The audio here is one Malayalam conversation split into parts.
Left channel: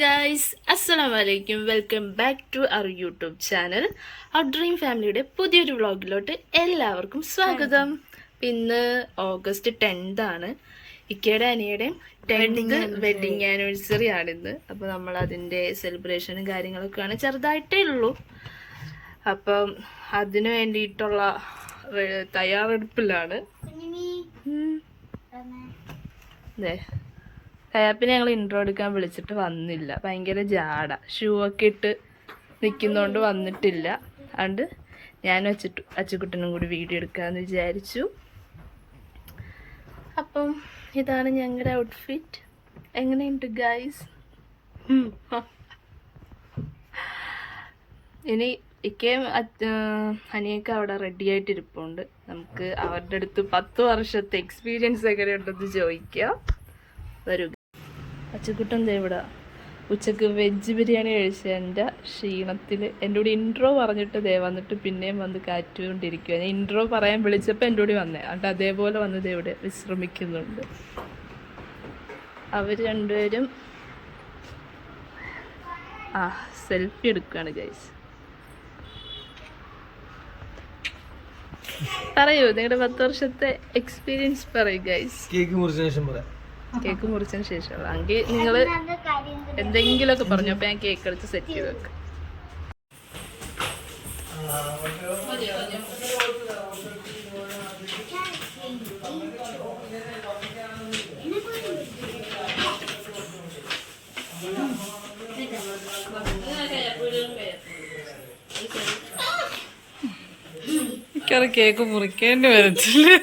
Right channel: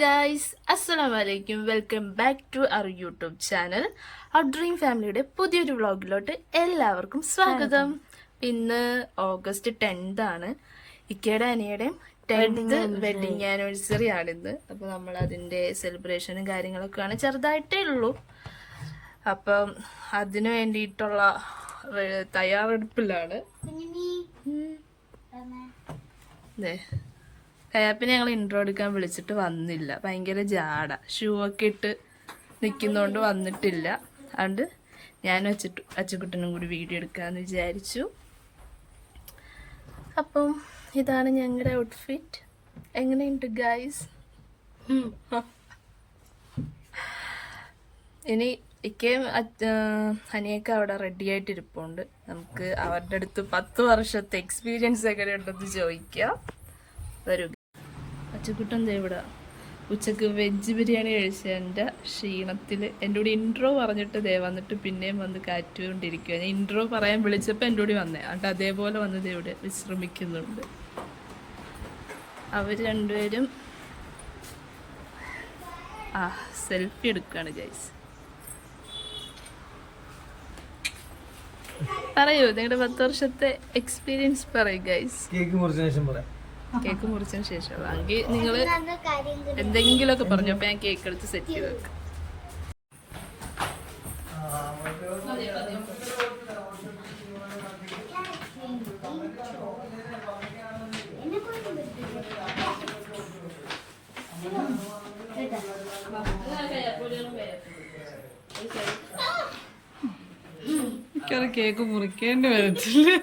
ഗൈസ്, അസ്സലാമു അലൈക്കും. Welcome back to our YouTube channel. Our dream ഫാമിലിയുടെ പുതിയൊരു വ്ളോഗിലോട്ട് എല്ലാവർക്കും സ്വാഗതം. ഇന്ന് ഓഗസ്റ്റ് 10 ആണ്. ഇക്കയുടെ അനിയുടെയും 10th വെഡിങ് ആനിവേഴ്സറി ആണിന്ന്. അപ്പോൾ നമ്മൾ അതിൻ്റെ സെലിബ്രേഷനും കാര്യങ്ങളൊക്കെയാണ്, ചെറുതായിട്ടേ ഉള്ളൂ. അപ്പം അതിന് വേണ്ടിയിട്ടുള്ള തയ്യാറെടുപ്പിലാണ്. അതെ, കയാപ്പിനെ ഞങ്ങൾ ഇൻട്രോ എടുക്കാൻ വിളിച്ചിട്ട് വന്നില്ല. ഭയങ്കര ജാട, ഷൂ ഒക്കെ ഇട്ട് നിൽക്കുന്നതുകൊണ്ട് വന്നിട്ടില്ല. അതുകൊണ്ട് ഞാനും അച്ചുകുട്ടനും കൂടി വീഡിയോ എടുക്കാമെന്ന് വിചാരിച്ചു. അപ്പം ഇതാണ് ഞങ്ങളുടെ ഔട്ട്ഫിറ്റ്. എങ്ങനെയുണ്ട് ഗൈസ്? ഇനി ഇക്കയും അനിയൊക്കെ അവിടെ റെഡി ആയിട്ടിരിപ്പുണ്ട്. നമുക്ക് അവരുടെ അടുത്ത് 10 വർഷത്തെ എക്സ്പീരിയൻസ് എങ്ങനെയുണ്ടെന്ന് ചോദിക്കാം. വരൂ. അച്ചുകുട്ടൻ ഇവിടെ ഉച്ചക്ക് വെജ് ബിരിയാണി കഴിച്ചതിൻ്റെ ക്ഷീണത്തിൽ എൻ്റെ കൂടി ഇൻട്രോ പറഞ്ഞിട്ട് വന്നിട്ട് പിന്നെയും വന്ന് കാറ്റുകൊണ്ടിരിക്കുക. ഞാൻ ഇൻട്രോ പറയാൻ വിളിച്ചപ്പോൾ എൻ്റെ കൂടി വന്നേ, എന്നിട്ട് അതേപോലെ വന്നത് ഇവിടെ വിശ്രമിക്കുന്നുണ്ട്. അവർ രണ്ടുപേരും സെൽഫി എടുക്കുകയാണ് ഗൈസ്. പറയൂ, നിങ്ങളുടെ 10 വർഷത്തെ എക്സ്പീരിയൻസ് പറയൂ ഗൈസ്. കേക്ക് മുറിച്ചതിന് ശേഷം എങ്കിൽ നിങ്ങൾ എന്തെങ്കിലുമൊക്കെ പറഞ്ഞു. അപ്പൊ ഞാൻ കേക്ക് എടുത്ത് സെറ്റ് ചെയ്ത് വെക്കാം. എനിക്കത് കേക്ക് മുറിക്കേണ്ടി വരത്തില്ല.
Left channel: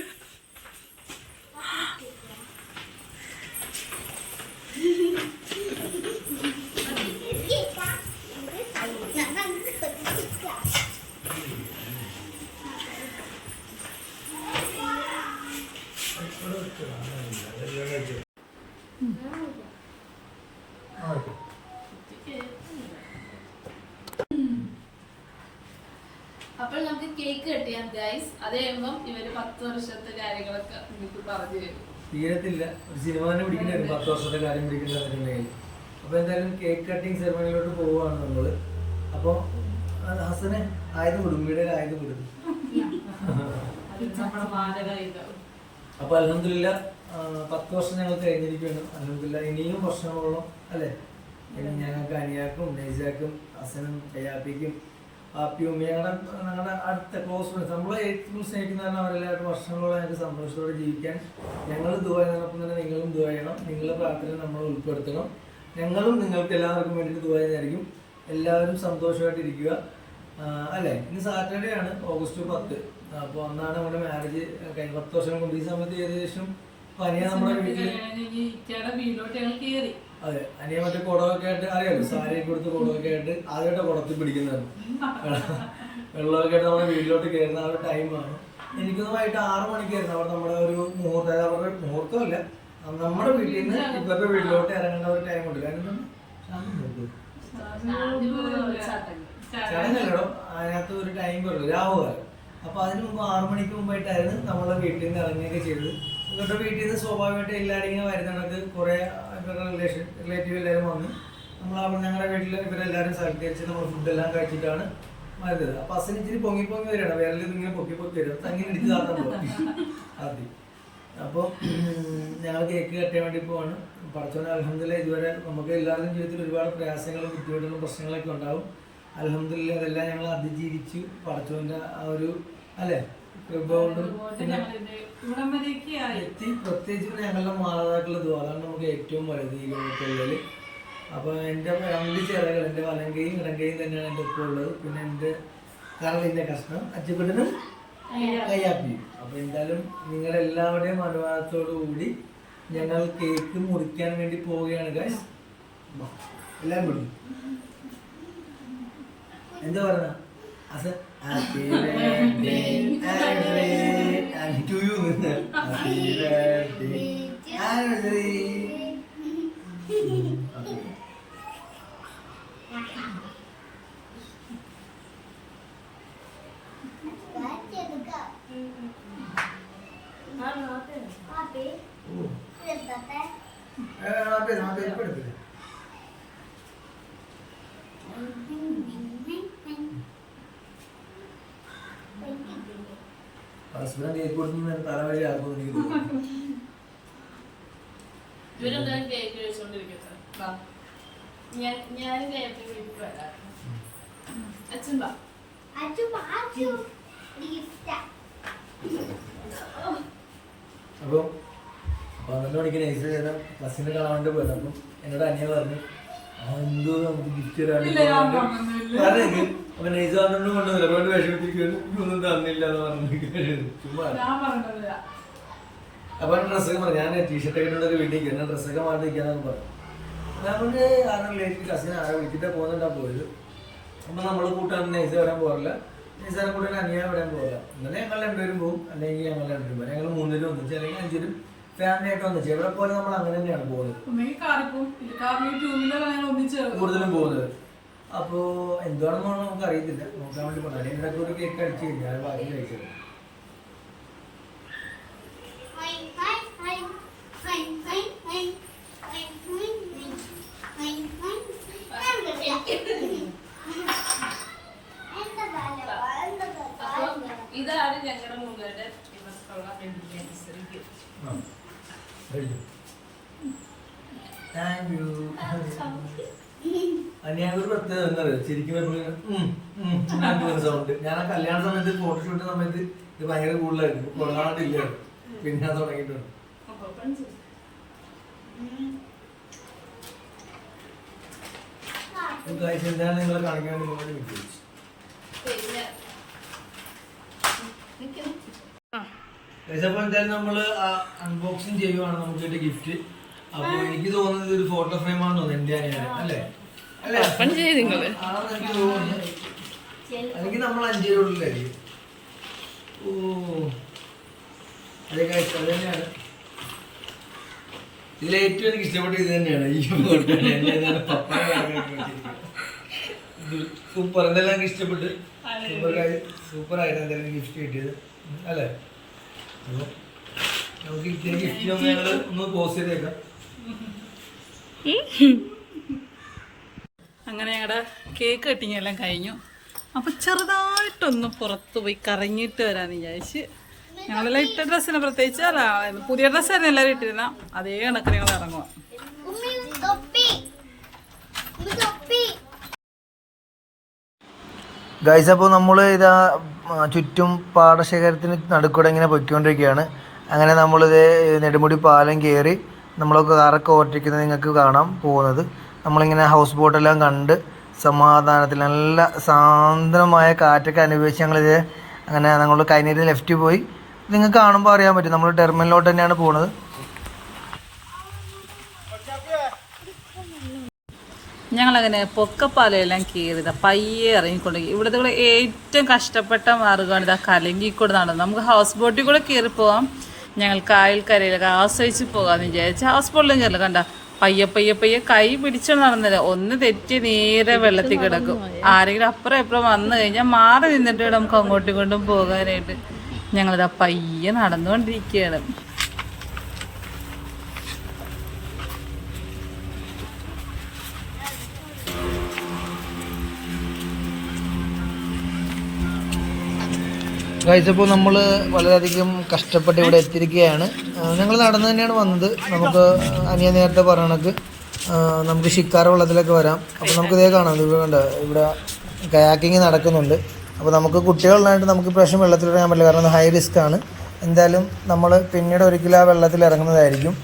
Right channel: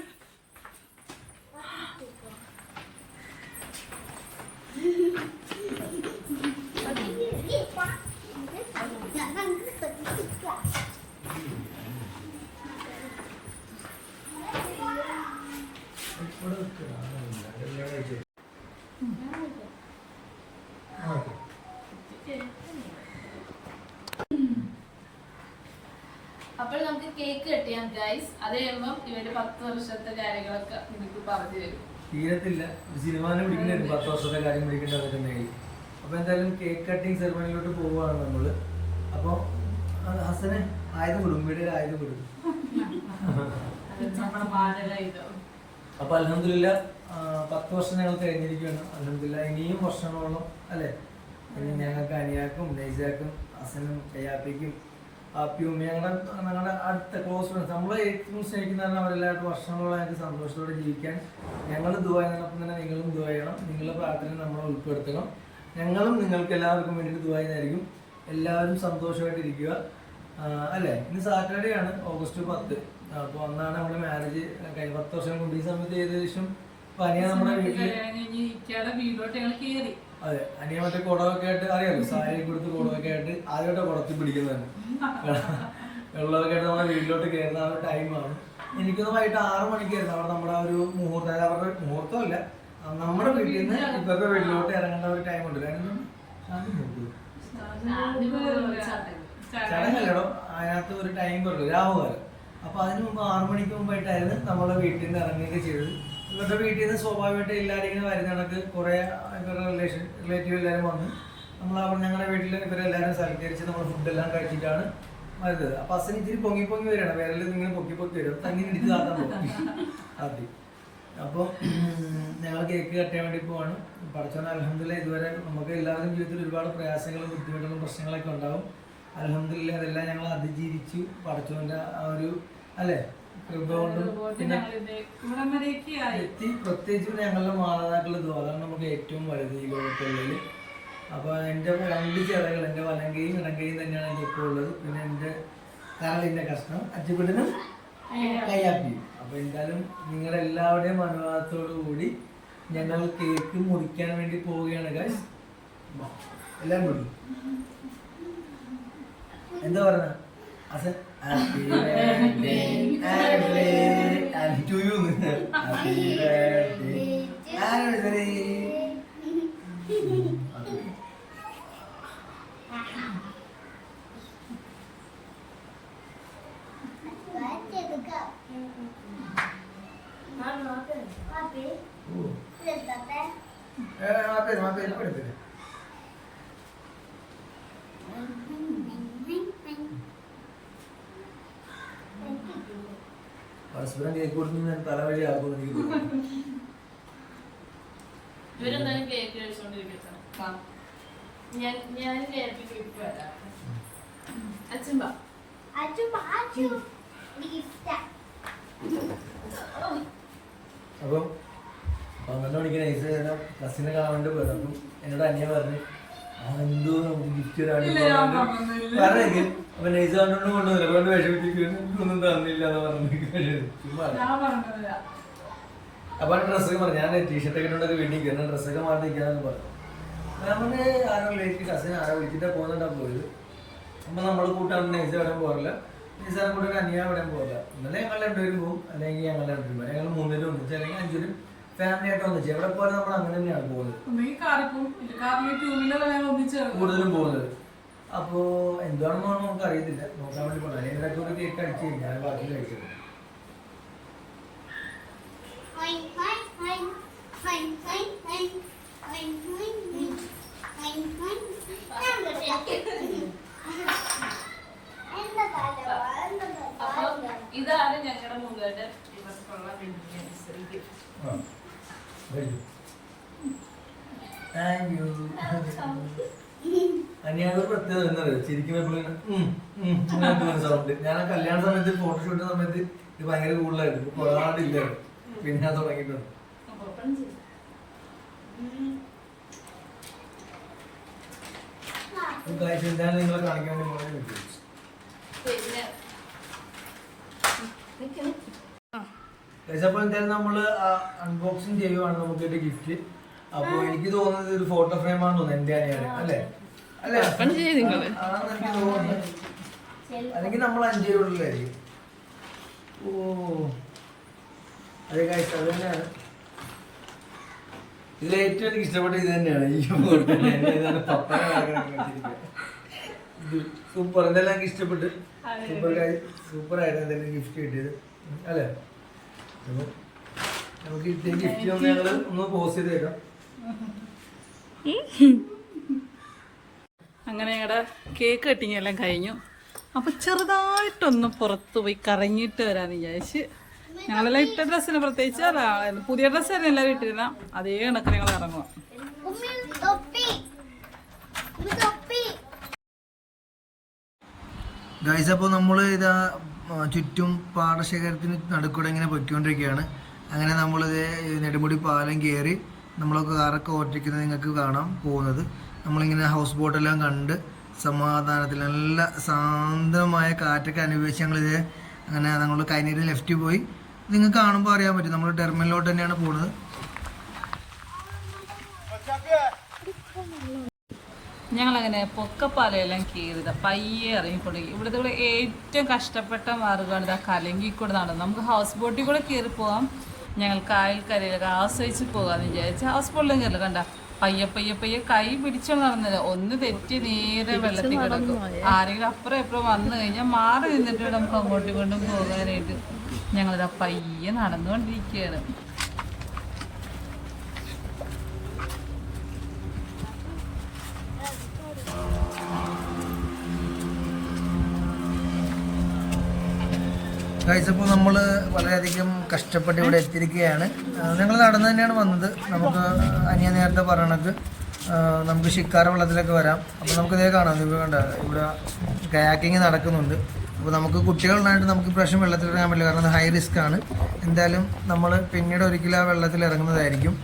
അപ്പോൾ നമുക്ക് കേക്ക് കട്ട് ചെയ്യാം ഗൈസ്. അത് കഴിയുമ്പം ഇവര് 10 വർഷത്തെ കാര്യങ്ങളൊക്കെ നിങ്ങൾക്ക് പറഞ്ഞു തരും. തീരത്തില്ല, ഒരു സിനിമ തന്നെ പിടിക്കേണ്ടി 10 വർഷത്തെ കാര്യം പിടിക്കേണ്ടി വന്നിട്ടുണ്ടെങ്കിൽ. അപ്പൊ എന്തായാലും കേക്ക് കട്ടിങ് സെറമണിയിലോട്ട് പോവുകയാണ് നമ്മള്. അപ്പൊ ഹസന് ആയത് വിടും, വീടിൽ ആയത് വിടും. അപ്പൊ അൽഹംദുലില്ലാ 10 വർഷം ഞങ്ങൾ കഴിഞ്ഞിരിക്കുകയാണ്. അൽഹംദുലില്ലാ ഇനിയും വർഷങ്ങളോളം അല്ലെ, ഇനി ഞങ്ങൾക്ക് അനിയാക്കും നൈസാക്കും ഹസനും കയ്യാപ്പിക്കും ആപ്പിയും ഞങ്ങളുടെ അടുത്ത ക്ലോസ് ഫ്രണ്ട്സ്, നമ്മളെ ഏറ്റവും സ്നേഹിക്കുന്ന അവരെല്ലാവരും വർഷങ്ങളോളം ഞങ്ങൾക്ക് സന്തോഷത്തോടെ ജീവിക്കാൻ ഞങ്ങൾ ദുആ ചെയ്യുന്നതിനൊപ്പം തന്നെ നിങ്ങളും ദുആ ചെയ്യണം. നിങ്ങളുടെ പ്രാർത്ഥന നമ്മൾ ഉൾപ്പെടുത്തണം. ഞങ്ങളും നിങ്ങൾക്ക് എല്ലാവർക്കും വേണ്ടിയിട്ട് ദുആ ചെയ്യുന്നതായിരിക്കും. എല്ലാവരും സന്തോഷമായിട്ടിരിക്കുക അല്ലേ. ഇന്ന് സാറ്റർഡേ ആണ്, ഓഗസ്റ്റ് 10. അപ്പോൾ അന്നാണ് നമ്മുടെ മാരേജ് കഴിഞ്ഞ 10 വർഷം കൊണ്ട്. ഈ സമയത്ത് ഏകദേശം അനിയ നമ്മുടെ വീട്ടില് അതെ, അനിയ മറ്റേ കുടമൊക്കെ ആയിട്ട് അറിയാലോ, സാരി കൊടുത്ത് കുടമൊക്കെ ആയിട്ട് ആദ്യമായിട്ട് കുടത്തിൽ പിടിക്കുന്നതാണ്. വെള്ളമൊക്കെ ആയിട്ട് നമ്മുടെ വീട്ടിലോട്ട് കയറുന്ന ആ ഒരു ടൈമാണ്. എനിക്കൊന്ന് വൈകിട്ട് 6 മണിക്കായിരുന്നു അവിടെ നമ്മുടെ ഒരു മുഹൂർത്തം. അവരുടെ മുഹൂർത്തമല്ല, നമ്മുടെ വീട്ടിൽ നിന്ന് ഇവരുടെ വീട്ടിലോട്ട് ഇറങ്ങേണ്ട ഒരു ടൈം ഉണ്ട്. കാരണം ചടങ്ങല്ലോ, അതിനകത്ത് ഒരു ടൈം പറയല്ലോ, രാഹുകാലം. അപ്പൊ അതിന് മുമ്പ് 6 മണിക്ക് മുമ്പായിട്ടായിരുന്നു നമ്മളെ വീട്ടിൽ നിന്ന് ഇറങ്ങുകയൊക്കെ ചെയ്തത്. ഇവരുടെ വീട്ടിൽ നിന്ന് സ്വാഭാവികമായിട്ട് എല്ലാവരും ഇങ്ങനെ വരുന്ന കണക്ക് കുറെ ഇവരുടെ റിലേറ്റീവ് എല്ലാവരും വന്ന് നമ്മൾ അവിടെ ഞങ്ങളുടെ വീട്ടിൽ ഇവരെല്ലാവരും സൽക്കരിച്ച് നമ്മൾ ഫുഡെല്ലാം കഴിച്ചിട്ടാണ് വരുന്നത്. അപ്പൊ അസന് ഇച്ചിരി പൊങ്ങി വരികയാണ്, വേറെ ഇങ്ങനെ പൊക്കി വരും, തങ്ങനെ ഇടിച്ച് താത്താൻ പോകും ആദ്യം. അപ്പോൾ ഞങ്ങൾ കേക്ക് കട്ടാൻ വേണ്ടി പോവാണ്. പഠിച്ചോനെ അൽഹംദുലില്ലാ ഇതുവരെ നമുക്ക് എല്ലാവർക്കും ജീവിതത്തിൽ ഒരുപാട് പ്രയാസങ്ങളും ബുദ്ധിമുട്ടുകളും പ്രശ്നങ്ങളൊക്കെ ഉണ്ടാവും. അൽഹംദുലില്ലാ അതെല്ലാം ഞങ്ങൾ അതിജീവിച്ചു. പഠിച്ചോന്റെ ആ ഒരു അല്ലെ കൃപ കൊണ്ടും പിന്നെ പ്രത്യേകിച്ച് ഞങ്ങളുടെ മാതാക്കളുടെ ദ്വാരാണ് നമുക്ക് ഏറ്റവും വലുത് ഈ ലോകത്തുള്ളതിൽ. അപ്പൊ എൻ്റെ 2 ചിറകൾ, എൻ്റെ വലങ്കയും ഇടങ്കയും തന്നെയാണ് എൻ്റെ ഒപ്പം ഉള്ളത്. പിന്നെ എൻ്റെ കരളിൻ്റെ കഷ്ണം അച്ചുകുട്ടനും കയ്യാപ്പിയും. അപ്പൊ എന്തായാലും നിങ്ങളെല്ലാവരുടെയും അനുവാദത്തോടു കൂടി ഞങ്ങൾ കേക്ക് മുറിക്കാൻ വേണ്ടി പോവുകയാണ് ഗൈസ്. എല്ലാവരും വിടും. എന്താ പറയുക അസ? Happy birthday to you. Happy birthday anniversary. പരസ്പരം കേക്ക് കൊടുത്ത് തല വഴി ആക്കുമെന്ന് എനിക്ക് തോന്നുന്നു. ഇവരെന്തായാലും കേക്ക് കഴിച്ചോണ്ടിരിക്കും. ഞാൻ കേക്ക് വരാം. അച്ഛൻ വാ. അപ്പം 12 മണിക്ക് നൈസ് ചെയ്ത ബസ്സിനെ കാണാൻ വേണ്ടി പോയത്. അപ്പം എന്നോട് അനിയ പറഞ്ഞു എന്തോ നമുക്ക് ഗിഫ്റ്റ് പറഞ്ഞേക്ക്. അപ്പൊ നൈസ് കണ്ടോണ്ട് കൊണ്ടുവന്നില്ല. അപ്പൊ വിഷമിച്ചിരിക്കുന്നു, ഒന്നും തന്നില്ല എന്ന് പറഞ്ഞു. ചുമ്മാ അപ്പൊ ഡ്രസ്സൊക്കെ പറഞ്ഞു, ഞാൻ ടീഷർട്ടൊക്കെ ഇട്ടുണ്ടൊക്കെ വീട്ടിൽ കയറി ഡ്രസ്സൊക്കെ മാറ്റി നിൽക്കാന്നൊക്കെ പറഞ്ഞു. അവന് ആരോ റിലേറ്റീവ് കസിൻ ആരോ വിളിച്ചിട്ടാ പോകുന്നുണ്ടാ പോയത്. അപ്പൊ നമ്മള് കൂട്ടാൻ നൈസ് വരാൻ പോകില്ല, നൈസാറെ കൂട്ടാൻ അനിയ വരാൻ പോകില്ല. എന്നാലും ഞങ്ങൾ രണ്ടുപേരും പോകും, അല്ലെങ്കിൽ ഞങ്ങൾ രണ്ടുപേരും പോകും. ഞങ്ങൾ 3 പേരും ഒന്നിച്ച് അല്ലെങ്കിൽ 5 പേരും ഫാമിലി ആയിട്ട് ഒന്നിച്ച്. എവിടെ പോലെ നമ്മൾ അങ്ങനെ തന്നെയാണ് പോകുന്നത്, കൂടുതലും പോകുന്നത്. അപ്പോ എന്താണെന്ന് നമുക്ക് അറിയത്തില്ല, നോക്കാൻ വേണ്ടി പറഞ്ഞു. അല്ലെങ്കിൽ ഇതൊക്കെ ഒരു കേക്ക് അടിച്ചു കഴിഞ്ഞാൽ ബാക്കി കഴിച്ചത്. ഇതാണ് ഞങ്ങളുടെ മുഖേന്റെ ഇവർക്കുള്ള ആനിവേഴ്സറി ഗിഫ്റ്റ്. Thank you. അനിയാനൊരു പ്രത്യേകത എന്താ പറയുക, ചിരിക്കുമ്പോൾ എപ്പോഴും സൗണ്ട്. ഞാൻ ആ കല്യാണ സമയത്ത് ഫോട്ടോഷൂട്ട് സമയത്ത് ഇത് ഭയങ്കര കൂടുതലായിരുന്നു, കൊള്ളാണ്ടില്ലായിരുന്നു. പിന്നെ ഞാൻ തുടങ്ങിയിട്ടുണ്ട്. എന്താണ് നിങ്ങളെ കാണിക്കാൻ വേണ്ടി മുന്നോട്ട് നിൽക്കുന്നത്. അപ്പോൾ എന്തായാലും നമ്മള് അൺബോക്സിങ് ചെയ്യുവാണ് നമുക്ക് കിട്ടിയ ഗിഫ്റ്റ്. അപ്പൊ എനിക്ക് തോന്നുന്നത് ഒരു ഫോട്ടോ ഫ്രെയിം ആണെന്ന് തോന്നുന്നു, എന്റെ അനിയാണ് അല്ലേ? അല്ലെ ആണെന്ന് എനിക്ക് തോന്നുന്നു. അല്ലെങ്കിൽ നമ്മൾ 5 പേരുള്ളിലായിരിക്കും. ഓ അതെ കാഴ്ച, അത് തന്നെയാണ്. ഇതിലേറ്റവും എനിക്ക് ഇഷ്ടപ്പെട്ട ഇത് തന്നെയാണ്. ഈ സൂപ്പർ, എന്തെല്ലാം എനിക്ക് ഇഷ്ടപ്പെട്ട്. സൂപ്പർ ആയിരുന്നു എന്തെങ്കിലും ഗിഫ്റ്റ് കിട്ടിയത് അല്ലേ? അപ്പൊ നമുക്ക് കിട്ടിയ ഗിഫ്റ്റ് ഞങ്ങൾ ഒന്ന് പോസ്റ്റ് ചെയ്തേക്കാം. അങ്ങനെ ഞങ്ങളുടെ കേക്ക് കട്ടിങ് എല്ലാം കഴിഞ്ഞു. അപ്പോൾ ചെറുതായിട്ടൊന്ന് പുറത്ത് പോയി കറങ്ങിയിട്ട് വരാമെന്ന് വിചാരിച്ച് ഞങ്ങളെല്ലാം ഇട്ട ഡ്രസ്സിന് പ്രത്യേകിച്ച് അല്ല, പുതിയ ഡ്രസ്സായിരുന്നു എല്ലാവരും ഇട്ടിരുന്ന അതേ കണക്ക് ഞങ്ങൾ ഇറങ്ങുക. ഗൈസ്, അപ്പോൾ നമ്മൾ ഇതാ ചുറ്റും പാടശേഖരത്തിന് നടുക്കൂടെ ഇങ്ങനെ പൊയ്ക്കൊണ്ടിരിക്കുകയാണ്. അങ്ങനെ നമ്മളിത് നെടുമുടി പാലം കയറി നമ്മളൊക്കെ കാറൊക്കെ ഓട്ടിക്കുന്നത് നിങ്ങൾക്ക് കാണാം പോകുന്നത്. നമ്മളിങ്ങനെ ഹൗസ് ബോട്ടെല്ലാം കണ്ട് സമാധാനത്തിൽ നല്ല സാന്ദ്രമായ കാറ്റൊക്കെ അനുഭവിച്ച് ഞങ്ങളിത് അങ്ങനെ നമ്മൾ കൈനീര് ലെഫ്റ്റ് പോയി. നിങ്ങൾക്ക് കാണുമ്പോൾ അറിയാൻ പറ്റും നമ്മൾ ടെർമിനലിലോട്ട് തന്നെയാണ് പോകുന്നത്. ഞങ്ങളങ്ങനെ പൊക്കപ്പാലയെല്ലാം കയറിയതാ പയ്യെ ഇറങ്ങിക്കൊണ്ട്. ഇവിടുത്തെ കൂടെ ഏറ്റവും കഷ്ടപ്പെട്ട മാർഗ്ഗമാണ് ഇതാ കലങ്കിക്കൂടെ നടന്നത്. നമുക്ക് ഹൗസ് ബോട്ടിൽ കൂടെ കയറി പോവാം, ഞങ്ങൾ കായൽക്കരയിലൊക്കെ ആശ്രയിച്ച് പോകാമെന്ന് വിചാരിച്ച് ഹൗസ് ബോട്ടിലും കയറില്ല. കണ്ട പയ്യെ പയ്യെ പയ്യെ കൈ പിടിച്ചോണ്ട് നടന്നില്ല, ഒന്ന് തെറ്റി നേരെ വെള്ളത്തിൽ കിടക്കും. ആരെങ്കിലും അപ്പുറം എപ്പുറം വന്നു കഴിഞ്ഞാൽ മാറി നിന്നിട്ട് നമുക്ക് അങ്ങോട്ടും ഇങ്ങോട്ടും പോകാനായിട്ട്. ഞങ്ങളിതാ പയ്യെ നടന്നുകൊണ്ടിരിക്കുകയാണ്. ഗൈസ്, അപ്പോൾ നമ്മൾ വളരെയധികം കഷ്ടപ്പെട്ട് ഇവിടെ എത്തിയിരിക്കുകയാണ്. ഞങ്ങൾ നടന്നു തന്നെയാണ് വന്നത്. നമുക്ക് അനിയ നേരത്തെ പറയണക്ക് നമുക്ക് ഷിക്കാര വെള്ളത്തിലൊക്കെ വരാം. അപ്പോൾ നമുക്കിതേ കാണാം, ഇവിടെ കണ്ട ഇവിടെ കയാക്കിങ് നടക്കുന്നുണ്ട്. അപ്പോൾ നമുക്ക് കുട്ടികളുണ്ടായിട്ട് നമുക്ക് ഇപ്രാവശ്യം വെള്ളത്തിൽ ഇറങ്ങാൻ പറ്റില്ല, കാരണം ഹൈ റിസ്ക് ആണ്. എന്തായാലും നമ്മൾ പിന്നീട് ഒരിക്കലും ആ വെള്ളത്തിൽ ഇറങ്ങുന്നതായിരിക്കും.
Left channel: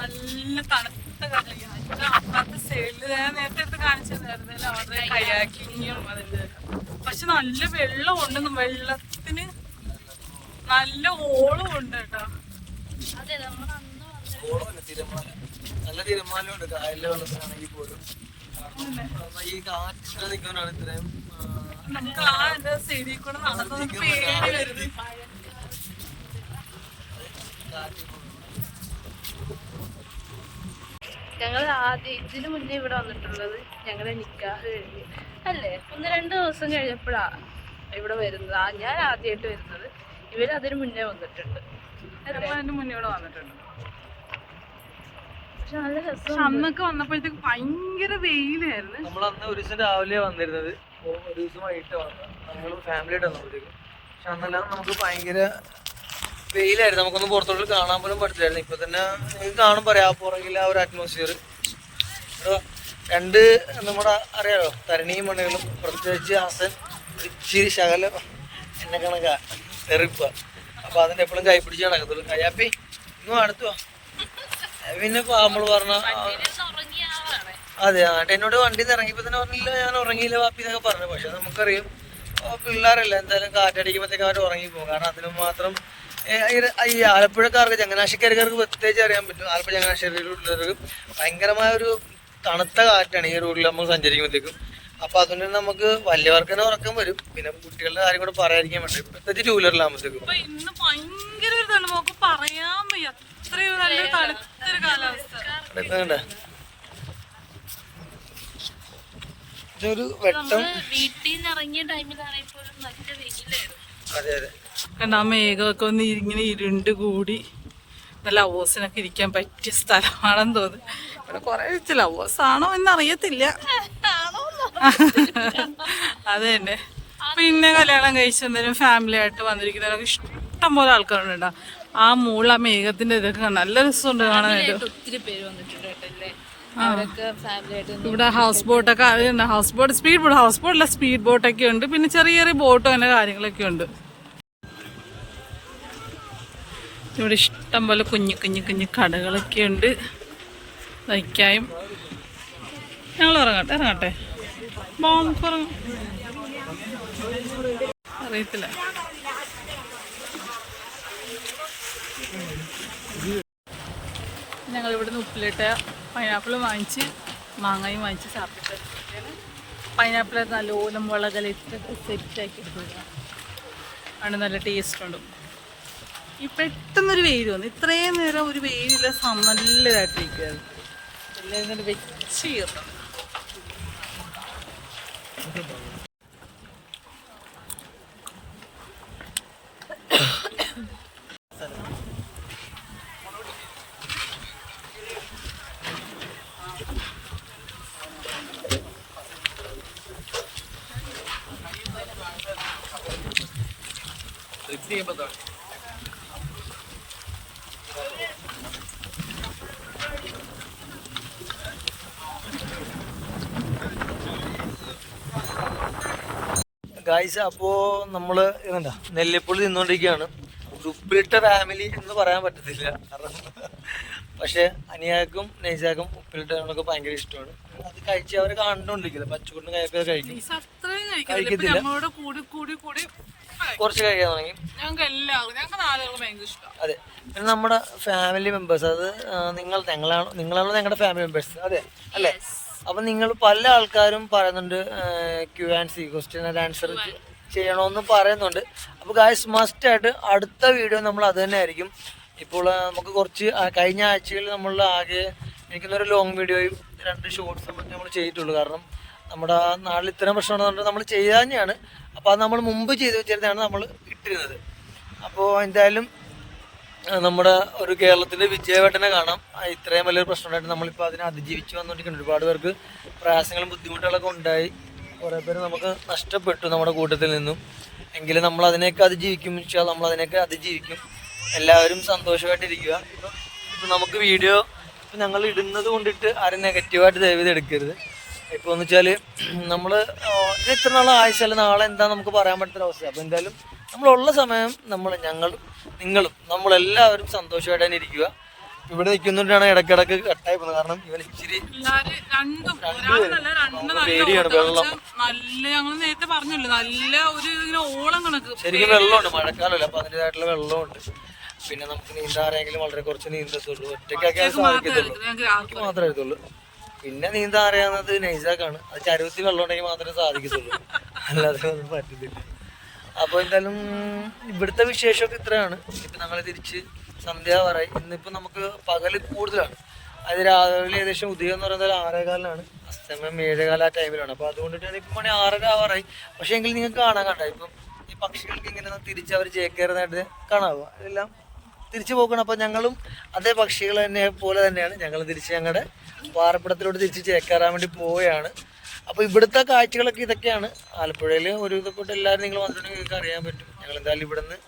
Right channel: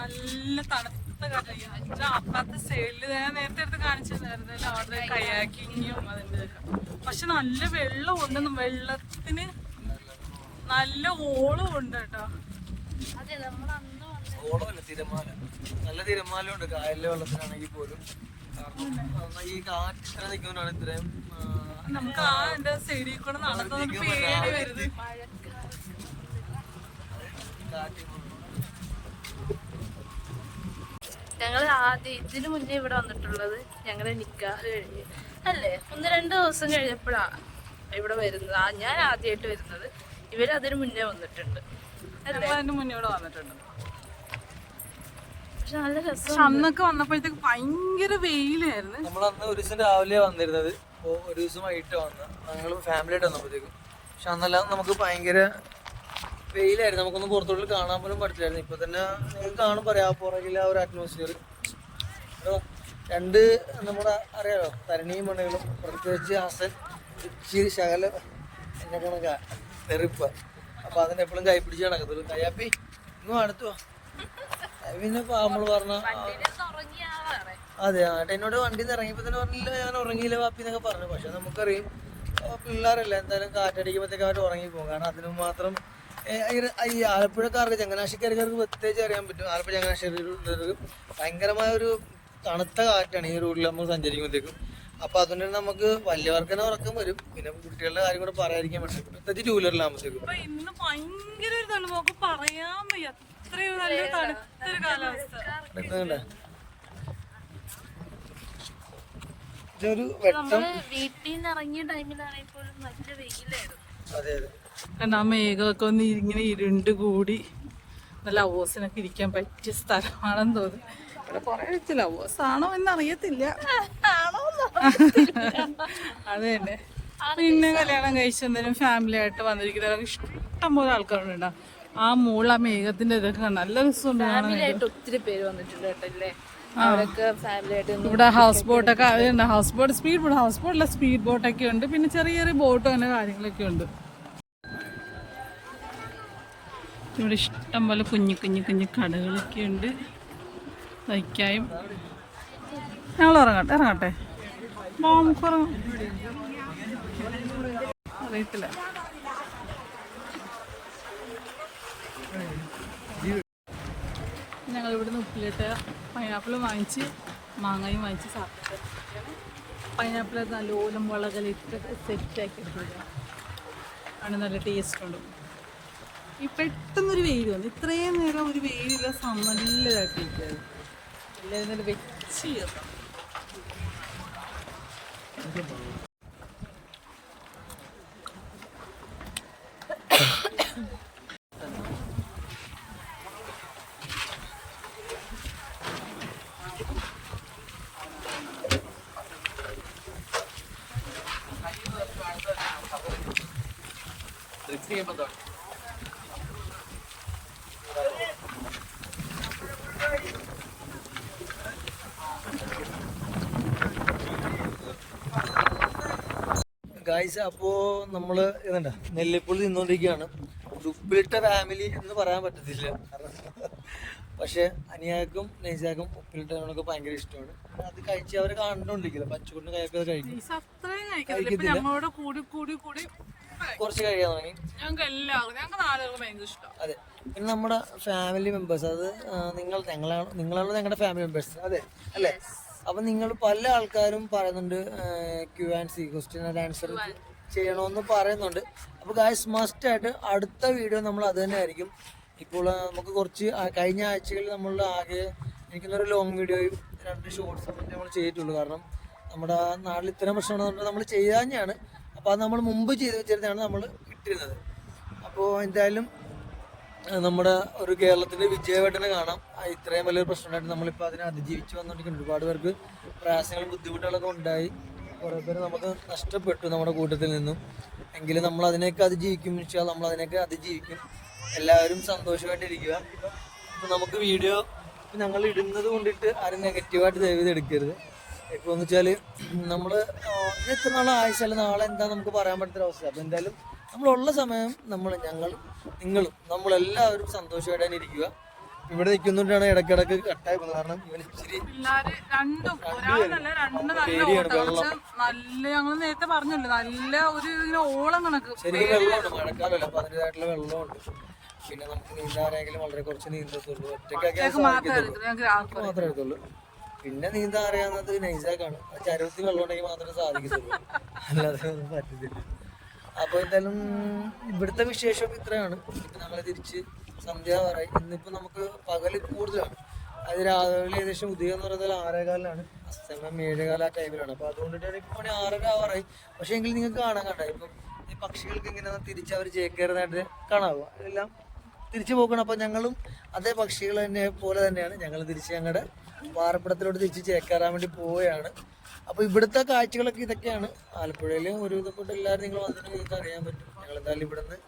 നല്ല തണുത്ത കടലിയാണ്. അപ്പുറത്തെ സൈഡിൽ നേരത്തെ എടുത്ത് കാണിച്ചിരുന്നായിരുന്നു അവരുടെ കയാക്കിങ്ങും അതിൻ്റെ. പക്ഷെ നല്ല വെള്ളമുണ്ട്, വെള്ളത്തിന് നല്ല ഓളം ഉണ്ട് കേട്ടോ. അതെ, നമ്മൾ അന്ന് നല്ല തിരമാലയുണ്ട് കായലിലെ വെള്ളത്തിലാണെങ്കിൽ പോലും. ഈ കാറ്റ് ഇത്ര നിൽക്കുന്നതാണ് ഇത്രയും. നമുക്ക് ആ എന്റെ സൈഡിൽ കൂടെ നടന്നു വരുന്നത്. ഞങ്ങൾ ആദ്യം ഇതിന് മുന്നേ ഇവിടെ വന്നിട്ടുള്ളത് ഞങ്ങളുടെ നിക്കാഹ് കഴിഞ്ഞ് അല്ലേ, 1-2 ദിവസം കഴിഞ്ഞപ്പോഴാണ് ഇവിടെ വരുന്നത്. ഞാൻ ആദ്യമായിട്ട് വരുന്നത്. ഇവരതിന് മുന്നേ വന്നിട്ടുണ്ട് അല്ലേ? അതിന് മുന്നേ ഇവിടെ വന്നിട്ടുണ്ട്. പക്ഷെ നല്ല രസം. പക്ഷെ അന്നൊക്കെ വന്നപ്പോഴത്തേക്ക് ഭയങ്കര വെയിലായിരുന്നു. നമ്മളന്ന് ഒരു ദിവസം രാവിലെ വന്നിരുന്നത്, അപ്പോൾ ഒരു ദിവസം വൈകിട്ട് വന്നത് ഞങ്ങൾ ഫാമിലിയായിട്ട് വന്നപ്പോഴത്തേക്കും. പക്ഷെ അന്നെല്ലാം നമുക്ക് ഭയങ്കര വെയിലായിരുന്നു, നമുക്കൊന്നും പുറത്തോട്ട് കാണാൻ പോലും പറ്റില്ലായിരുന്നു. ഇപ്പൊ തന്നെ നിങ്ങൾക്ക് കാണും പറയാം പുറകിലെ ആ ഒരു അറ്റ്മോസ്ഫിയർ. രണ്ട് നമ്മുടെ അറിയാലോ തരണിയും മണികളും, പ്രത്യേകിച്ച് ഹസൻ ഇച്ചിരി ശകലം എന്നെ കണക്കാ തെറിപ്പ. അപ്പൊ അതിന്റെ എപ്പോഴും കൈ പിടിച്ച് നടക്കത്തുള്ളൂ. കയ്യാപ്പി ഇന്നും അടുത്തോ പിന്നെ നമ്മൾ പറഞ്ഞ അതെ എന്നോട് വണ്ടിയിൽ നിന്ന് ഇറങ്ങിയപ്പോ തന്നെ പറഞ്ഞില്ല ഞാൻ ഉറങ്ങിയില്ല വാപ്പി എന്നൊക്കെ പറഞ്ഞു. പക്ഷെ നമുക്കറിയാം പിള്ളേരല്ല എന്തായാലും കാറ്റടിക്കുമ്പോഴത്തേക്ക് അവർ ഉറങ്ങിപ്പോകും. കാരണം അതിന് മാത്രം ഈ ആലപ്പുഴക്കാർക്ക് ചങ്ങനാശ്ശേരിക്കാർക്ക് പ്രത്യേകിച്ച് അറിയാൻ പറ്റും. ആലപ്പുഴ ചങ്ങനാശ്ശേരിയിലുള്ളവർക്ക് ഭയങ്കരമായ ഒരു തണുത്ത കാറ്റാണ് ഈ റൂട്ടിൽ നമുക്ക് സഞ്ചരിക്കുമ്പോഴത്തേക്കും. അപ്പൊ അതുകൊണ്ട് തന്നെ നമുക്ക് വലിയവർക്ക് തന്നെ ഉറക്കം വരും. പിന്നെ കുട്ടികളുടെ കാര്യം കൂടെ പറയാതിരിക്കാൻ വേണ്ടി പ്രത്യേകിച്ച് ടൂ വീലറിലാകുമ്പോഴത്തേക്കും ഇന്ന് ഭയങ്കര ഒരു തണുപ്പ് പറയാൻ വയ്യ, അത്രയും നല്ല തണുത്തൊരു കാലാവസ്ഥ. ഇതൊരു വെട്ടം വീട്ടിൽ നിന്ന് ഇറങ്ങിയ ടൈമിലാണ് ഇപ്പോഴും നല്ല വെയിലായിരുന്നു. അതെ അതെ കണ്ട ആ മേഘമൊക്കെ ഒന്ന് ഇങ്ങനെ ഇരുണ്ട് കൂടി നല്ല ലവേഴ്സിനൊക്കെ ഇരിക്കാൻ പറ്റിയ സ്ഥലമാണെന്ന് തോന്നുന്നു. ഇവിടെ കുറെ ലവേഴ്സ് ആണോ എന്നറിയത്തില്ല. അത് തന്നെ. പിന്നെ കല്യാണം കഴിച്ച് എന്തെങ്കിലും ഫാമിലി ആയിട്ട് വന്നിരിക്കുന്നവരൊക്കെ ഇഷ്ടം പോലെ ആൾക്കാരുണ്ടാവും. ആ മുകളിൽ ആ മേഘത്തിന്റെ ഇതൊക്കെ നല്ല രസമുണ്ട് കാണാനായിട്ട്. ഒത്തിരി പേര് വന്നിട്ടുണ്ട്. ഇവിടെ ഹൗസ് ബോട്ടൊക്കെ അതുണ്ട്. House boat, speed boat, house ബോട്ടല്ല സ്പീഡ് ബോട്ടൊക്കെ ഉണ്ട്. പിന്നെ ചെറിയ ചെറിയ ബോട്ടും അങ്ങനെ കാര്യങ്ങളൊക്കെ ഉണ്ട്. ഇവിടെ ഇഷ്ടം പോലെ കുഞ്ഞു കുഞ്ഞു കുഞ്ഞു കടകളൊക്കെ ഉണ്ട് തയ്ക്കായും. ഞങ്ങൾ ഇറങ്ങട്ടെ നമുക്ക് ഇറങ്ങാം. അറിയത്തില്ല. ഞങ്ങൾ ഇവിടുന്ന് ഉപ്പിലിട്ട പൈനാപ്പിളും വാങ്ങിച്ച് മാങ്ങയും വാങ്ങിച്ച് സാപ്പിട്ട് പൈനാപ്പിൾ നല്ലോലം മുളകലിട്ടൊക്കെ സെറ്റാക്കി എടുക്കുക. ആണ് നല്ല ടേസ്റ്റ് ഉണ്ട്. ഈ പെട്ടെന്നൊരു വെയിൽ വന്നു. ഇത്രയും നേരം ഒരു വെയിലില്ല, നല്ലതായിട്ടിരിക്കുകയാണ്. എല്ലാവരും നല്ല വെച്ച് കയറുന്നു. ഗായ്സ്, അപ്പോൾ നമ്മൾ ഇതുണ്ട നെല്ലിപ്പുള്ളി നിന്നുകൊണ്ടിരിക്കുകയാണ്. ഉപ്പിലിട്ട ഫാമിലി എന്ന് പറയാൻ പറ്റത്തില്ല, കാരണം പക്ഷെ അനിയാക്കും നെയ്സാക്കും ഉപ്പിലിട്ടവനൊക്കെ ഭയങ്കര ഇഷ്ടമാണ്. അത് കഴിച്ച് അവർ കണ്ടുകൊണ്ടിരിക്കുന്നത് പച്ചക്കൂടിന് കയൊക്കെ കഴിക്കും. കഴിക്കത്തില്ല, കുറച്ച് കഴിക്കാൻ തുടങ്ങി. അതെ, പിന്നെ നമ്മുടെ ഫാമിലി മെമ്പേഴ്സ്, അത് നിങ്ങളാണോ ഞങ്ങളുടെ ഫാമിലി മെമ്പേഴ്സ്? അതെ അല്ലേ? അപ്പം നിങ്ങൾ പല ആൾക്കാരും പറയുന്നുണ്ട് Q&C, ക്വസ്റ്റ്യൻ ആൻഡ് ആൻസർ ചെയ്യണമെന്ന് പറയുന്നുണ്ട്. അപ്പോൾ ഗായ്സ് മസ്റ്റായിട്ട് അടുത്ത വീഡിയോ നമ്മൾ അത് തന്നെ ആയിരിക്കും. ഇപ്പോൾ നമുക്ക് കുറച്ച് കഴിഞ്ഞ ആഴ്ചകളിൽ നമ്മൾ ആകെ എനിക്കൊന്നൊരു ലോങ് വീഡിയോയും 2 ഷോർട്സും നമ്മൾ ചെയ്തിട്ടുള്ളൂ. കാരണം നമ്മുടെ നാട്ടിൽ ഇത്തരം പ്രശ്നമാണെന്ന് നമ്മൾ ചെയ്യാൻ തന്നെയാണ്. അപ്പോൾ അത് നമ്മൾ മുമ്പ് ചെയ്ത് വെച്ചിരുന്നതാണ് നമ്മൾ ഇട്ടിരുന്നത്. അപ്പോൾ എന്തായാലും നമ്മുടെ ഒരു കേരളത്തിൻ്റെ വിജയവേട്ടനെ കാണാം. ഇത്രയും വലിയൊരു പ്രശ്നമുണ്ടായിട്ട് നമ്മളിപ്പോൾ അതിനെ അതിജീവിച്ച് വന്നുകൊണ്ടിരിക്കുന്നുണ്ട്. ഒരുപാട് പേർക്ക് പ്രയാസങ്ങളും ബുദ്ധിമുട്ടുകളൊക്കെ ഉണ്ടായി, കുറേ പേര് നമുക്ക് നഷ്ടപ്പെട്ടു നമ്മുടെ കൂട്ടത്തിൽ നിന്നും. എങ്കിലും നമ്മൾ അതിനെയൊക്കെ അതിജീവിക്കും. നമ്മൾ അതിനെയൊക്കെ അതിജീവിക്കും. എല്ലാവരും സന്തോഷമായിട്ടിരിക്കുക. ഇപ്പം നമുക്ക് വീഡിയോ ഇപ്പം ഞങ്ങൾ ഇടുന്നത് കൊണ്ടിട്ട് ആരും നെഗറ്റീവായിട്ട് ദയവ് ചെയ്ത് എടുക്കരുത്. ഇപ്പോൾ എന്ന് വെച്ചാൽ നമ്മൾ ഇത് എത്ര നാളെ ആഴ്ചയല്ല നാളെ എന്താ നമുക്ക് പറയാൻ പറ്റുന്ന അവസ്ഥ. അപ്പോൾ എന്തായാലും നമ്മളുള്ള സമയം ഞങ്ങളും നിങ്ങളും നമ്മളെല്ലാവരും സന്തോഷമായിട്ട് തന്നെ ഇരിക്കുക. ഇവിടെ നിൽക്കുന്നുണ്ടാണ് ഇടയ്ക്കിടയ്ക്ക് കട്ടായി പോകുന്നത്. കാരണം ഇവൻ ഇച്ചിരി പേടിയാണ്. വെള്ളം ഞങ്ങൾ നേരത്തെ പറഞ്ഞല്ലോ, നല്ല ഒരു ഓളം കണക്ക് ശരിക്കും വെള്ളമുണ്ട്, മഴക്കാലമല്ല, അപ്പോൾ അതിൻ്റെതായിട്ടുള്ള വെള്ളമുണ്ട്. പിന്നെ നമുക്ക് നീന്താൻ അറിയാമെങ്കിലും വളരെ കുറച്ച് നീന്തത്തുള്ളൂ, ഒറ്റയ്ക്കൊക്കെ സാധിക്കത്തുള്ളൂ, എനിക്ക് മാത്രമേ അറിയത്തുള്ളൂ. പിന്നെ നീന്താൻ അറിയാവുന്നത് നൈസാക്കാണ്. അത് ചരുവത്തിൽ വെള്ളം ഉണ്ടെങ്കിൽ മാത്രമേ സാധിക്കത്തുള്ളൂ, അല്ലാതെ ഒന്നും പറ്റത്തില്ല. അപ്പോൾ എന്തായാലും ഇവിടുത്തെ വിശേഷമൊക്കെ ഇത്രയാണ്. ഇപ്പം ഞങ്ങൾ തിരിച്ച് സന്ധ്യാവാറായി. ഇന്നിപ്പോൾ നമുക്ക് പകൽ കൂടുതലാണ്. അത് രാവിലെ ഏകദേശം ഉദയം എന്ന് പറയുന്നത് 6:15 അസ്തമയം 7:15 ആ ടൈമിലാണ്. അപ്പോൾ അതുകൊണ്ടിട്ടാണ് ഇപ്പം മണി 6:30 ആവാറായി. പക്ഷേ എങ്കിൽ നിങ്ങൾക്ക് കാണാൻ കണ്ട ഇപ്പം ഈ പക്ഷികൾക്ക് ഇങ്ങനെ തിരിച്ച് അവർ ചേക്കേറുന്നതായിട്ട് കാണാവുക. എല്ലാം തിരിച്ചു പോക്കണം. അപ്പോൾ ഞങ്ങളും അതേ പക്ഷികൾ തന്നെ പോലെ തന്നെയാണ് ഞങ്ങൾ തിരിച്ച് ഞങ്ങളുടെ പാർപ്പിടത്തിലോട്ട് തിരിച്ച് ചേക്കേറാൻ വേണ്ടി പോവുകയാണ്. അപ്പോൾ ഇവിടുത്തെ കാഴ്ചകളൊക്കെ ഇതൊക്കെയാണ്. ആലപ്പുഴയിൽ ഒരു വിധപ്പെട്ട് എല്ലാവരും നിങ്ങൾ വന്നിട്ടുണ്ടെങ്കിൽ നിങ്ങൾക്ക് അറിയാൻ പറ്റും. ഞങ്ങൾ എന്തായാലും ഇവിടെ നിന്ന്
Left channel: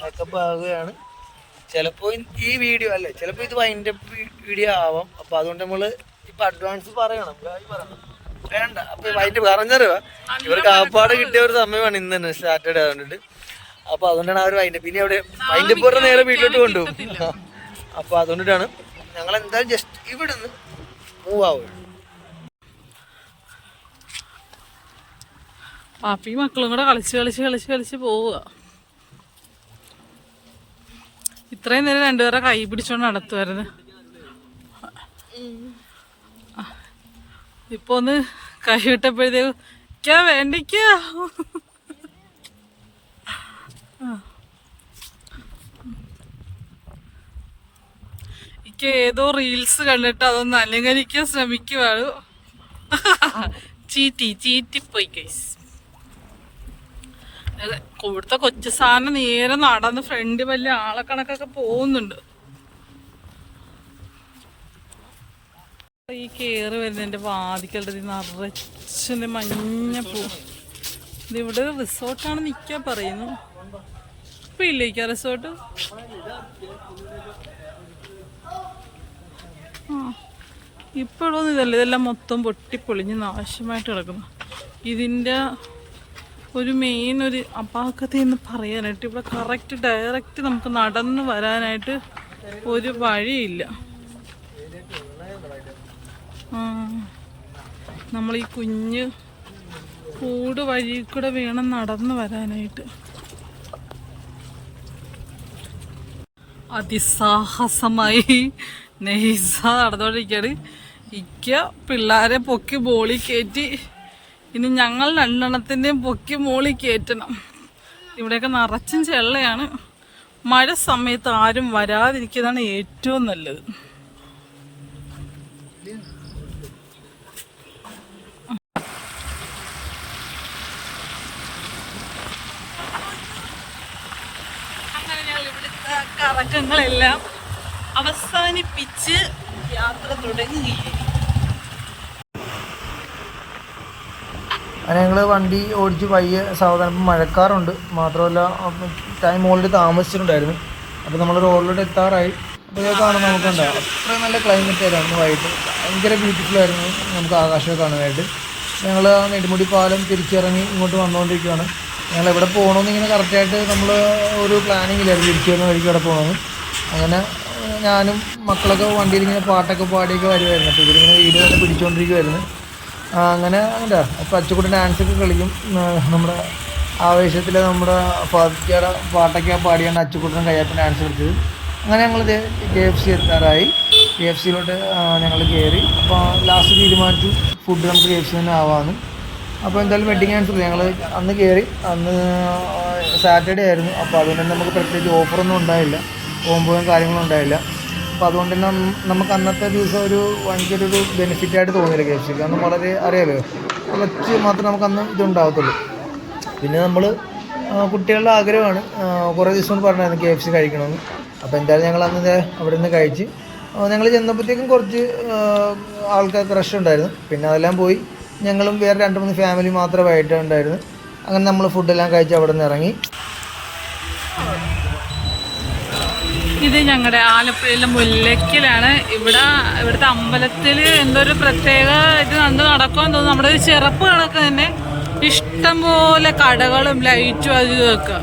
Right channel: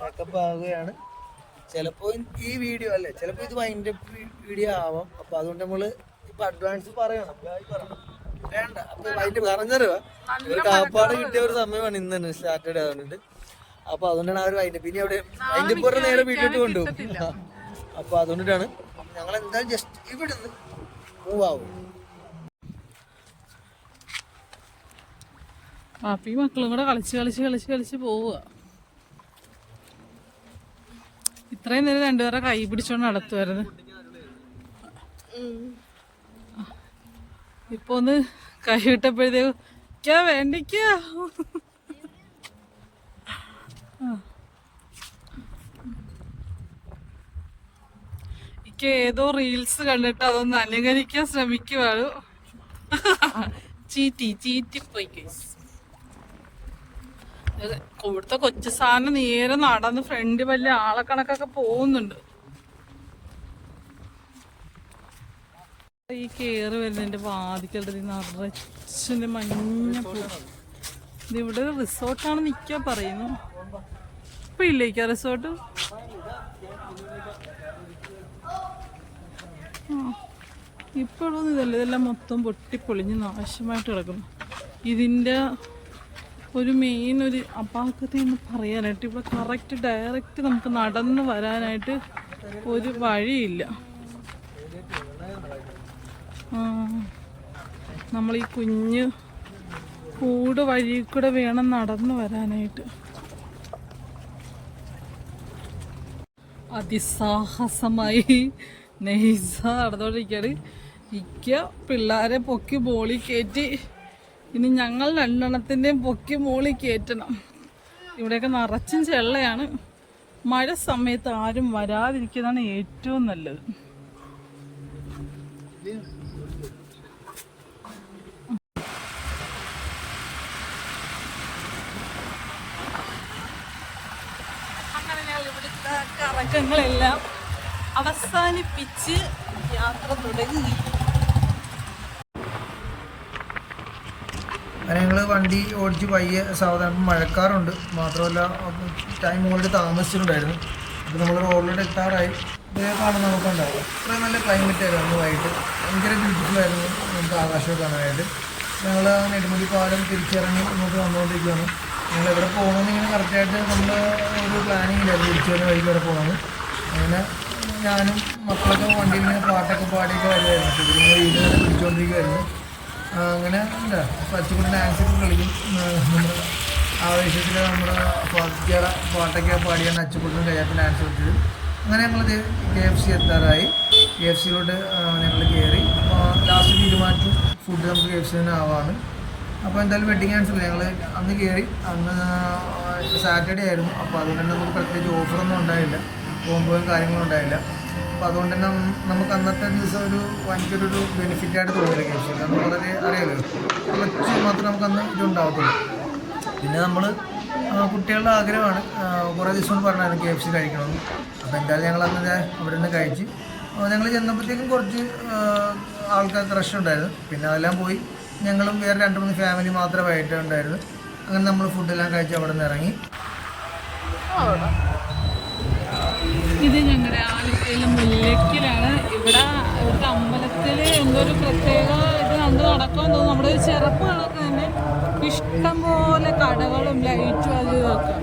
പാക്കപ്പ് ആവുകയാണ്. ചിലപ്പോൾ ഈ വീഡിയോ അല്ലേ, ചിലപ്പോൾ ഇത് വൈൻഡപ്പ് വീഡിയോ ആവാം. അപ്പോൾ അതുകൊണ്ട് നമ്മൾ ഇപ്പം അഡ്വാൻസ് പറയണം, പറയണം വേണ്ട. അപ്പോൾ വൈൻഡ് പറഞ്ഞറിയുക ഇവർക്ക് കാപ്പാട് കിട്ടിയ ഒരു സമയമാണ് ഇന്ന് തന്നെ സാറ്റർഡേ ആവുന്നുണ്ട്. അപ്പോൾ അതുകൊണ്ടാണ് ആ ഒരു വൈൻഡപ്പ്. ഇനി അവിടെ വൈൻഡപ്പ് പറഞ്ഞ നേരെ വീട്ടിലോട്ട് കൊണ്ടുപോകും. അപ്പോൾ അതുകൊണ്ടിട്ടാണ് ഞങ്ങൾ എന്തായാലും ജസ്റ്റ് ഇവിടെ നിന്ന് മൂവ് ആവുക. പാപ്പി മക്കളും കൂടെ കളിച്ച് പോവുക. ഇത്രയും നേരം രണ്ടുപേരെ കൈ പിടിച്ചോണ്ട് നടത്തുമായിരുന്നു. ഇപ്പൊ ഒന്ന് കൈ വിട്ടപ്പോഴത്തേക്ക് വേണ്ടിക്കാ ഏതോ റീൽസ് കണ്ടിട്ട് അതൊന്ന് അലങ്കരിക്കാൻ ശ്രമിക്കുവാണ്. ചീറ്റിപ്പോയി ഗൈസ്. ഇവിടുത്തെ കൊച്ചു സാധനം നേരെ നടന്ന് ഫ്രണ്ട് വലിയ ആളെ കണക്കൊക്കെ പോകുന്നുണ്ട്. ഈ കേറി വരുന്നതിന്റെ വാതിക്കലുള്ളത് നിറച്ച് മഞ്ഞ പൂ. ഇതിവിടെ റിസോർട്ടാണ് നിൽക്കാൻ പറയുന്നു. ഇപ്പൊ ഇല്ലേക്കാ റിസോർട്ട്? ഇപ്പോഴൊന്നും ഇതല്ല, ഇതെല്ലാം മൊത്തം പൊട്ടിപ്പൊളിഞ്ഞ് നാശമായിട്ട് കിടക്കുന്നു. ഇതിൻ്റെ ഒരു മെയിൻ ഒരു അപാകത എന്ന് പറയാനായിട്ട് ഇവിടെ കറക്റ്റ് ഡയറക്റ്റ് നമുക്ക് നടന്ന് വരാനായിട്ട് ഒരു വഴിയില്ല. നമ്മൾ ഈ കുഞ്ഞ് കൂട് വഴി കൂടെ വേണം നടന്ന് വരാനായിട്ട്. അതിസാഹസമായി നെയ്സ നടന്നുകൊണ്ടിരിക്കുകയാണ്. പിള്ളേരെ പൊക്കി ബോളി കയറ്റി. ഇനി ഞങ്ങൾ രണ്ടെണ്ണത്തിൻ്റെയും പൊക്കി മോളി കയറ്റണം. ഇവിടെയൊക്കെ നിറച്ചും ചെള്ളയാണ്. മഴ സമയത്ത് ആരും വരാതിരിക്കുന്നതാണ് ഏറ്റവും നല്ലത്. അങ്ങനെ ഞങ്ങൾ ഇവിടുത്തെ കറക്കങ്ങളെല്ലാം അവസാനിപ്പിച്ച് യാത്ര തുടങ്ങുകയായി. അങ്ങനെ ഞങ്ങൾ വണ്ടി ഓടിച്ച് പയ്യെ സാവധാനം. മഴക്കാറുണ്ട്, മാത്രമല്ല ടൈം ഓൾറെഡി താമസിച്ചിട്ടുണ്ടായിരുന്നു. അപ്പോൾ നമ്മൾ റോഡിലോട്ട് എത്താറായി. അപ്പോൾ ഇതൊക്കെ കാണാൻ നമുക്കുണ്ട്. അത്രയും നല്ല ക്ലൈമറ്റ് ആയിരുന്നു അന്ന് വൈകിട്ട്. ഭയങ്കര ബ്യൂട്ടിഫുൾ ആയിരുന്നു നമുക്ക് ആകാശമൊക്കെ കാണാനായിട്ട്. ഞങ്ങൾ നെടുമുടി പാലം തിരിച്ചിറങ്ങി ഇങ്ങോട്ട് വന്നുകൊണ്ടിരിക്കുകയാണ്. ഞങ്ങൾ എവിടെ പോകണമെന്ന് ഇങ്ങനെ കറക്റ്റായിട്ട് നമ്മൾ ഒരു പ്ലാനിങ്ങിലായിരുന്നു തിരിച്ചു വരുന്ന വഴിക്ക് എവിടെ പോകണമെന്ന്. അങ്ങനെ ഞാനും മക്കളൊക്കെ വണ്ടിയിൽ ഇങ്ങനെ പാട്ടൊക്കെ പാടിയൊക്കെ വരുമായിരുന്നു. അപ്പോൾ ഇവരിങ്ങനെ വീട് തന്നെ പിടിച്ചുകൊണ്ടിരിക്കുമായിരുന്നു. അങ്ങനെ എന്താ അപ്പോൾ അച്ചുകൂടെ ഡാൻസൊക്കെ കളിക്കും. നമ്മുടെ ആവേശത്തിൽ നമ്മുടെ ഫാത്തിക്കയുടെ പാട്ടൊക്കെ പാടിയാണ് അച്ചുകൂട്ടനും കയ്യാപ്പം ഡാൻസ് കളിച്ചത്. അങ്ങനെ ഞങ്ങൾ KFC എത്താറായി. KFCയിലോട്ട് ഞങ്ങൾ കയറി. അപ്പോൾ ലാസ്റ്റ് തീരുമാനിച്ചു ഫുഡ് നമുക്ക് KFC തന്നെ ആവാമെന്ന്. അപ്പോൾ എന്തായാലും വെഡിങ് ആനിവേഴ്സറി ഞങ്ങൾ അന്ന് കയറി. അന്ന് സാറ്റർഡേ ആയിരുന്നു. അപ്പോൾ അതുകൊണ്ട് തന്നെ നമുക്ക് പ്രത്യേകിച്ച് ഓഫറൊന്നും ഉണ്ടായില്ല, കോമ്പോയും കാര്യങ്ങളും ഉണ്ടായില്ല. അപ്പോൾ അതുകൊണ്ട് തന്നെ നമുക്ക് അന്നത്തെ ദിവസം ഒരു ഭയങ്കര ഒരു ബെനിഫിറ്റായിട്ട് തോന്നിയില്ല KFC. കാരണം വളരെ അറിയാലോ കുറച്ച് മാത്രമേ നമുക്ക് അന്ന് ഇതുണ്ടാകത്തുള്ളൂ. പിന്നെ നമ്മൾ കുട്ടികളുടെ ആഗ്രഹമാണ്, കുറേ ദിവസം കൊണ്ട് പറഞ്ഞായിരുന്നു KFC കഴിക്കണമെന്ന്. അപ്പോൾ എന്തായാലും ഞങ്ങൾ അന്ന് അവിടെ നിന്ന് കഴിച്ച് ഞങ്ങൾ ചെന്നപ്പോഴത്തേക്കും കുറച്ച് ആൾക്കാർക്ക് റഷ് ഉണ്ടായിരുന്നു. പിന്നെ അതെല്ലാം പോയി ഞങ്ങളും വേറെ 2-3 ഫാമിലി മാത്രമായിട്ട് ഉണ്ടായിരുന്നു. അങ്ങനെ നമ്മൾ ഫുഡെല്ലാം കഴിച്ച് അവിടെ നിന്ന് ഇറങ്ങി. ഇത് ഞങ്ങളുടെ ആലപ്പുഴയിലെ മുല്ലയ്ക്കലാണ്. ഇവിടുത്തെ അമ്പലത്തിൽ എന്തോ ഒരു പ്രത്യേക ഇത് നടക്കുമെന്ന് തോന്നുന്നു. നമ്മുടെ ഒരു ചെറുപ്പ് കണക്ക് തന്നെ ഇഷ്ടംപോലെ കടകളും ലൈറ്റും അത് ഇതൊക്കെ.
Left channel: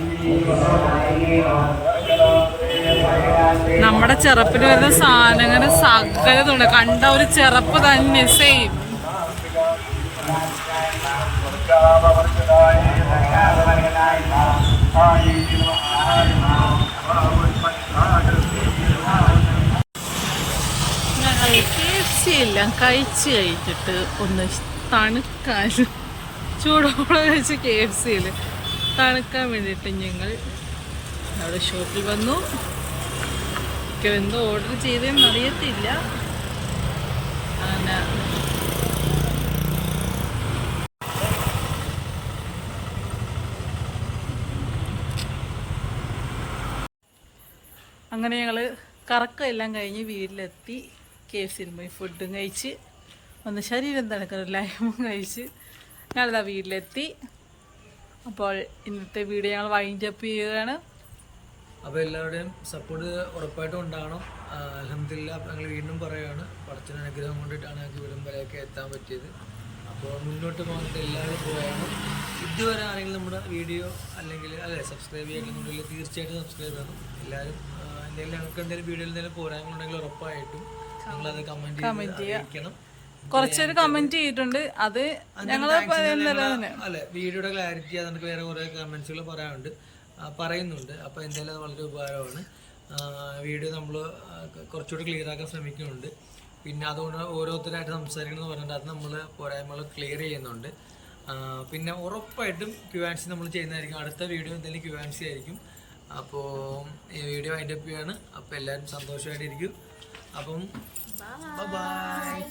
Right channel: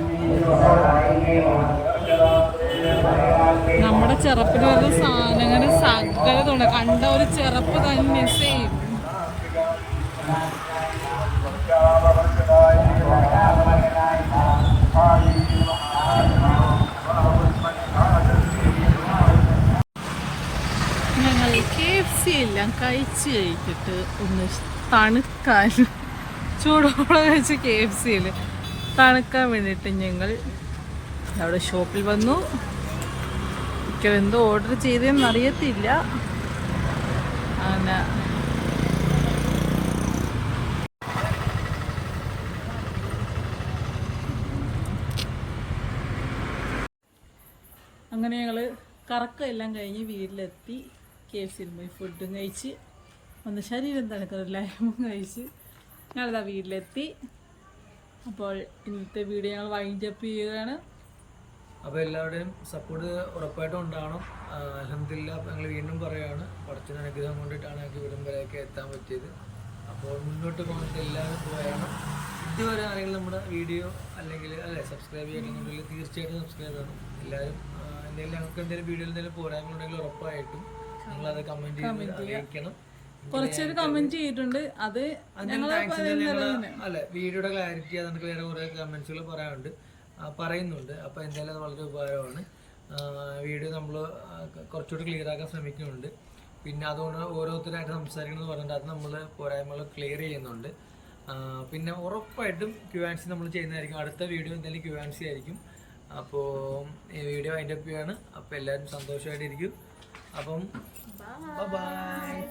നമ്മുടെ ചെറുപ്പിന് വരുന്ന സാധനങ്ങൾ സകലതുണ്ട്. കണ്ട ഒരു ചെറുപ്പ് തന്നെ സെയിം. ഞങ്ങൾ KFC എല്ലാം കഴിച്ച് കഴിഞ്ഞിട്ട് ഒന്ന് തണുക്കാൻ, ചൂടോടെ കഴിച്ച് KFCയിൽ തണുക്കാൻ വേണ്ടിയിട്ട് ഞങ്ങൾ അവിടെ ഷോപ്പിൽ വന്നു. എന്തോ ഓർഡർ ചെയ്തതെന്ന് അറിയത്തില്ല. അങ്ങനെ അങ്ങനെ ഞങ്ങൾ കറക്കമെല്ലാം കഴിഞ്ഞ് വീട്ടിലെത്തി. KFCയിൽ പോയി ഫുഡും കഴിച്ച് ഒന്ന് ശരീരം തണുക്കുന്ന ലൈമും കഴിച്ച് ഞങ്ങളിതാ വീട്ടിലെത്തി. അപ്പോൾ ഇന്നത്തെ വീഡിയോ ഞങ്ങൾ വൈൻഡപ്പ് ചെയ്യുകയാണ്. അപ്പോൾ എല്ലാവരുടെയും സപ്പോർട്ട് ഉറപ്പായിട്ടും ഉണ്ടാവണം. അൽഹംദുലില്ലാ. അപ്പോൾ ഞങ്ങൾ വീണ്ടും പറയുകയാണ്, പടച്ചവൻ്റെ അനുഗ്രഹം കൊണ്ടിട്ടാണ് ഞങ്ങൾക്ക് ഇവിടം വരെയൊക്കെ എത്താൻ പറ്റിയത്. അപ്പോൾ മുന്നോട്ട് പോകുന്നത് എല്ലാവരും പോയാണ്. ഇതുവരെ ആരെങ്കിലും നമ്മുടെ വീഡിയോ അല്ലെങ്കിൽ സബ്സ്ക്രൈബ് ചെയ്തിട്ടുണ്ടെങ്കിൽ തീർച്ചയായിട്ടും സബ്സ്ക്രൈബ് ചെയ്യണം എല്ലാവരും. എന്തെങ്കിലും ഞങ്ങൾക്ക് എന്തെങ്കിലും വീഡിയോയിൽ എന്തെങ്കിലും പോരാങ്ങളുണ്ടെങ്കിൽ ഉറപ്പായിട്ടും നിങ്ങളത് കമൻറ്റ് അറിയിക്കണം. കുറച്ചൊരു കമന്റ് ചെയ്തിട്ടുണ്ട്, അത് ഞങ്ങൾ വീഡിയോയുടെ ക്ലാരിറ്റി അതെനിക്ക് വേറെ കുറേ കമൻസുകൾ പറയുന്നുണ്ട്. അപ്പോൾ എന്തായാലും അത് വളരെ ഉപകാരമാണ്. വീഡിയോ നമ്മൾ കുറച്ചുകൂടി ക്ലിയർ ആക്കാൻ ശ്രമിക്കുന്നുണ്ട്. പിന്നെ അതുകൊണ്ട് ഓരോരുത്തരായിട്ട് സംസാരിക്കണമെന്ന് പറഞ്ഞിട്ട് അത് നമ്മൾ പോരായ്മകൾ ക്ലിയർ ചെയ്യുന്നുണ്ട്. പിന്നെ ഉറപ്പായിട്ടും Q&A നമ്മൾ ചെയ്യുന്നതായിരിക്കും. അടുത്ത വീഡിയോ എന്തായാലും Q&A ആയിരിക്കും. അപ്പോൾ ഈ വീഡിയോ വൈൻഡപ്പ് ചെയ്യാണ്. അപ്പോൾ എല്ലാവരും സന്തോഷമായിട്ടിരിക്കും. അപ്പം ബൈ.